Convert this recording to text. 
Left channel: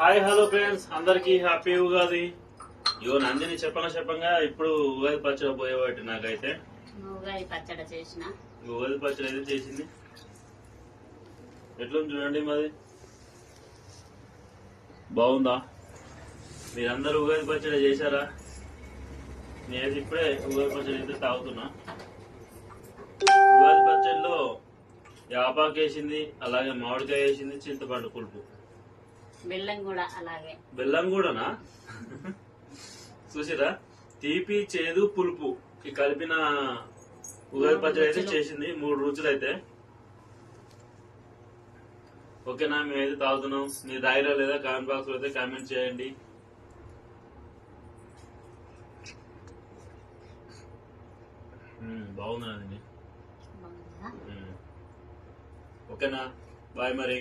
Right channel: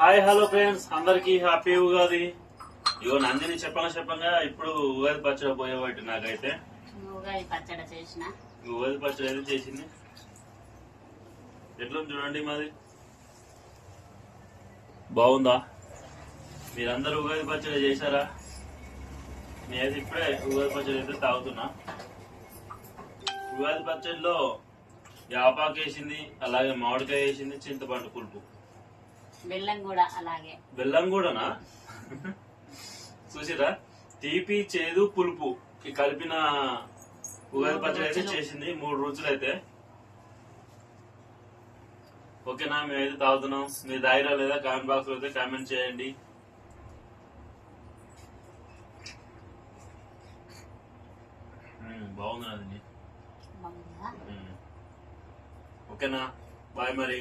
Hi hello friends, అందరికి happy Ugadi. ఇగో నందిని చెప్పంగా ఇప్పుడు ఉగాది పచ్చడి పోయేవాటి. నాకైతే ఉగాది పచ్చడి చేసిన ఉగాది పచ్చడి అయితే చేసింది. ఎట్లా చూడండి, మాది బాగుందా? మీరందరూ ఉగాది పచ్చడి చేశారా? నేనైతే ఇప్పుడే ఉగాది పచ్చడి అయితే తాగుతున్నా. ఉగాది పచ్చడిలో యాపాకు వేసింది, అలాగే మామిడికాయ వేసింది, చింతపండు పులుపు, బెల్లం కూడా అలాగే. బెల్లం కూడానా? చూసిరా, తీపి చేదు పులుపు కలిపిన ఉగాది పచ్చడి అయితే చేసింది. 3 రుచులు అయితే. ఓకేనా? మేమైతే తాగుతున్నాం. మీరు తాగిరా లేదా కామెంట్ బాక్స్ లో అయితే కామెంట్ చేయండి. బాగుందండి. ఓకేనా? బాయ్ మరి.